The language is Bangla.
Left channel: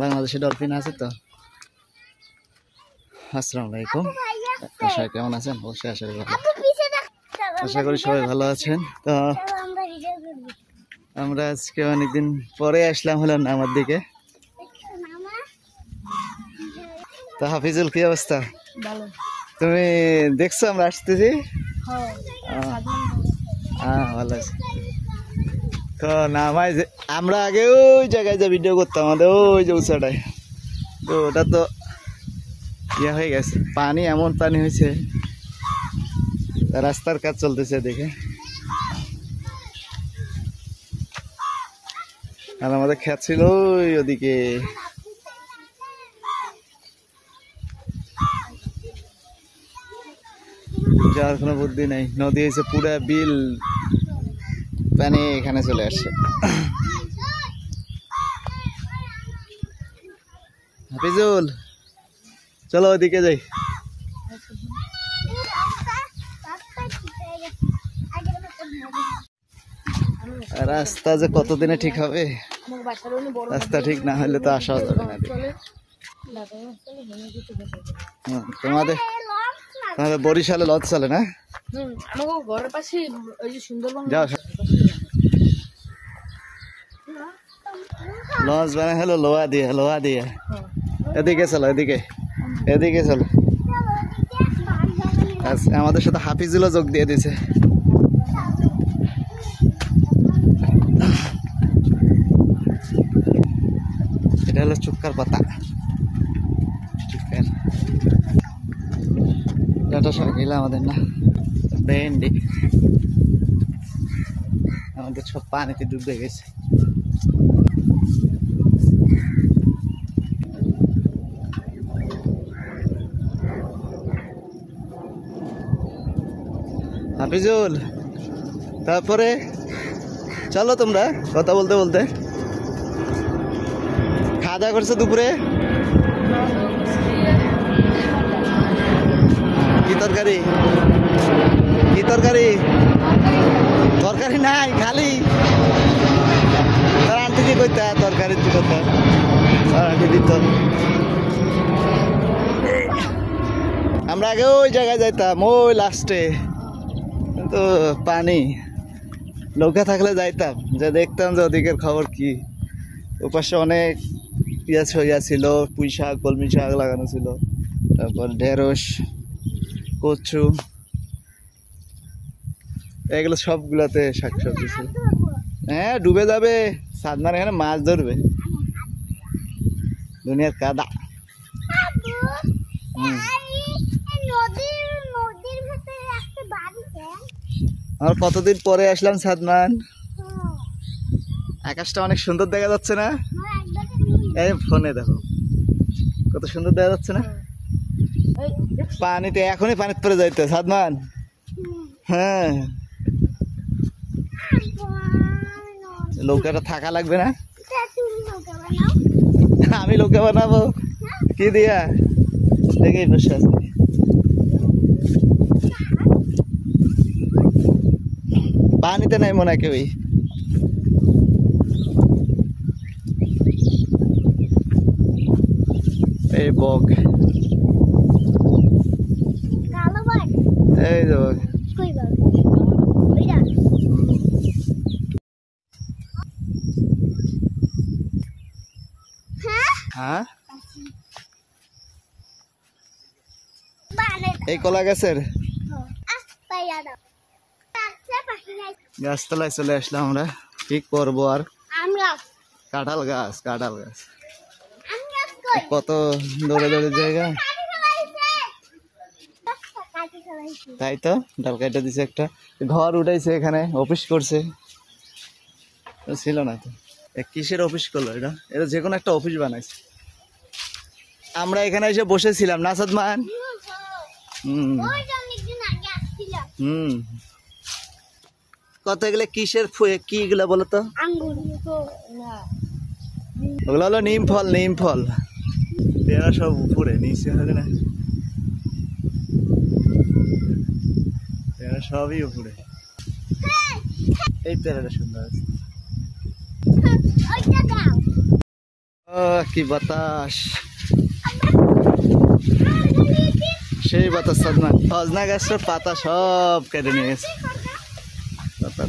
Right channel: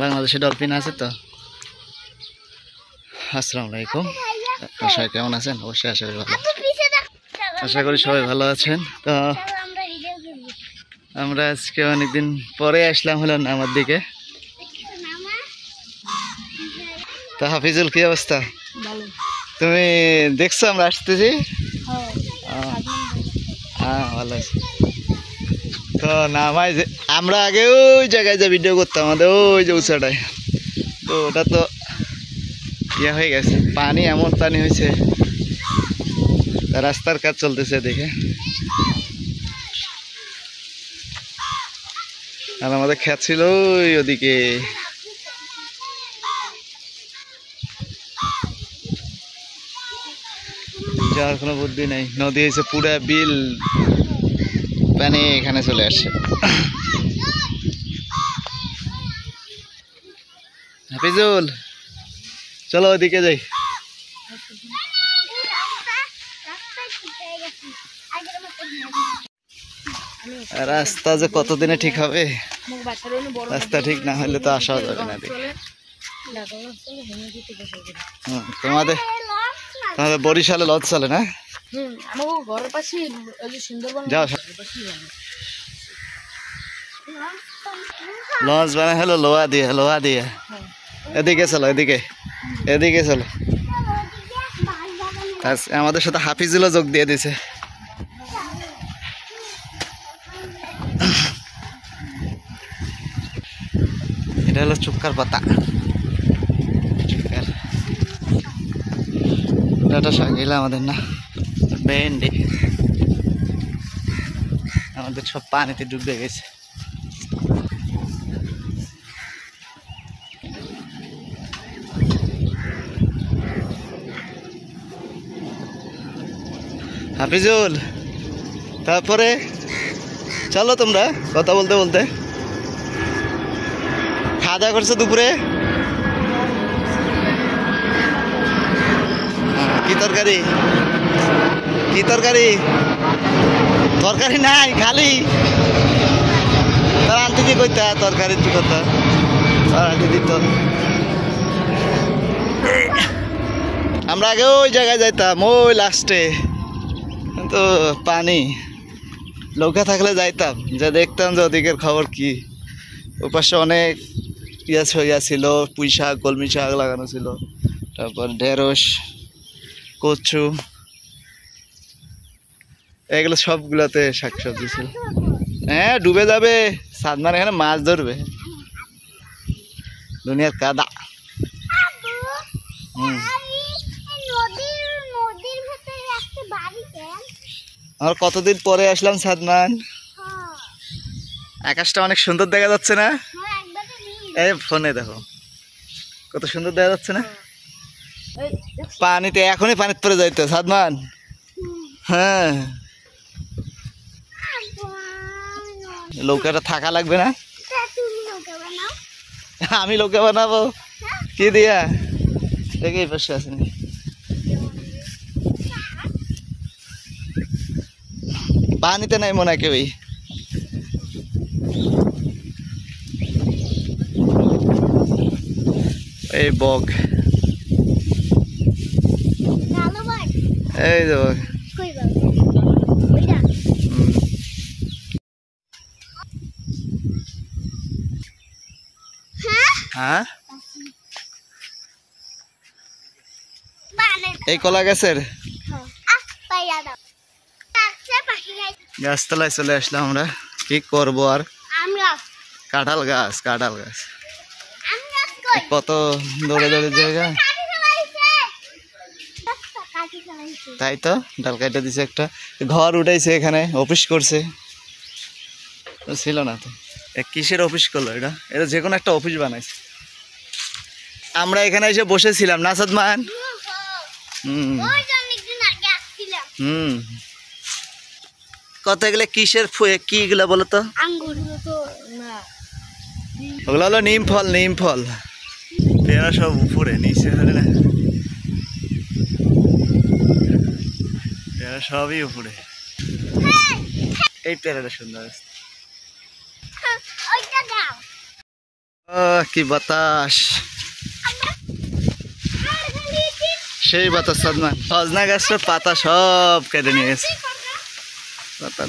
বাংলাদেশে ডলফিন আছে তো। আসসালামু আলাইকুম, সবাই কেমন আছেন? অবশ্যই আশা করি সবাই ভালো আছেন। তো আমরা আজকে অনেকদিন পরে আসলাম হলো নামার দিকে। তো হাফিজুল, কি অবস্থা? তুমি দেখছো আমরা আসতেছি? ভালো আছে। তো নামাই আমরা আগে ওই জায়গায় যে ভিডিও করতাম, আমাদের ওই যে উঁচাটায়, তো ওটা তো ইয়ে হয়ে গেছে, পানি এমন পানি হয়েছে, রাস্তার কাজ চলতেছে দেখে। আর আমাদের ক্ষেত ছিল ওই ওদিকে। যাওয়ার কোনো বুদ্ধি নেই, নদী হয়েছে পুরা বিল পানি এখানে চলে আসছে। হাফিজুল, চলো ওদিকে যাই। রাস্তা যে কতদিনে ঠিক হবে, রাস্তা ঠিক না হলে তো আসা যাবে না। তোমাদের তোমাদের বরিশালে লঞ্চ চলে না? যাও, লঞ্চ বানায় হলো লোহা দিয়ে। এদিকে চলো, এদিকে চলো। আমাদের সাথে হাফিজুলও যোগ দিয়ে দিছে। এটা হলো চুক্কার পাতা, ডাটা শাক এগুলো আমাদের না, ভেন্ডি আমাদের সব পানিতে ডুবে গেছে। হাফিজুল, তারপরে চলো তোমরা কথা বলতে বলতে। খাওয়া দাওয়া করছো দুপুরে? কি তরকারি? তরকারি নাই, খালি তার আনতে কি করতে, তরকারি কি করতে দিত। আমরা আগে ওই জায়গায় যাইতাম, ওই লাস্টে, কিন্তু পানি লোকে থাকলে যাইতাম, যা দেখতাম যে ওদিকের খবর কি। ওপাশে অনেক ইয়া ছিল, পুঁই শাক, কলমি শাক লাগানো ছিল, তারপর ঢেঁড়স, কচু, এগুলো সবগুলোতে শাকসবজি ছিল। হ্যাঁ, ডুবে যাবে, সাদমান এখানে মাছ ধরবে, দুনিয়ার কাদা। আর কতদিন পরে আসলাম সাদমান। আকাশটা অনেক সুন্দর দেখা যাচ্ছে না? এই ফোনে দেখো কত সুন্দর দেখা যাচ্ছে না? পানিতে এখনই পানিতে পড়ে যাইতো সাদমান। হ্যাঁ, নৌকাটা থাকা লাগবে না? আমি নৌকা বানাবো কি দিয়া? দেখে বসে আছে, পানিতে নাই মনে হয় কেউই। এই বক, এই যে বক। হ্যাঁ, এই কলা গাছের গাছতলায় চলে আসলাম আমরা। কি করবো আর, কাঁঠাল গাছ কত দৌড়ে জায়গা। তাই তো ডাল কাটা দিছে, একটা ঘর উঠাইছে, এখানে অফিস করছে, ছিল না তো। কিসের অফিস করলো এটা? এটা যে কোনো একটা অফিস বানাইছে। আমরা এখানে এসে বসেছিলাম না সাদমান? কত এগুলো কিসের কি এগুলা বলো তো? ওগুলো হলো নিম ফল। পেয়ারা সব উপরে, নিচে হলে না, পেয়ারা সবই উপরে। এই পেয়ারাটা সুন্দর আছে। কি বাতাস, সেই বাতাস সাদমান। সজনা গাছটার পাতা সব কেটে নিয়ে গেছে। পাতা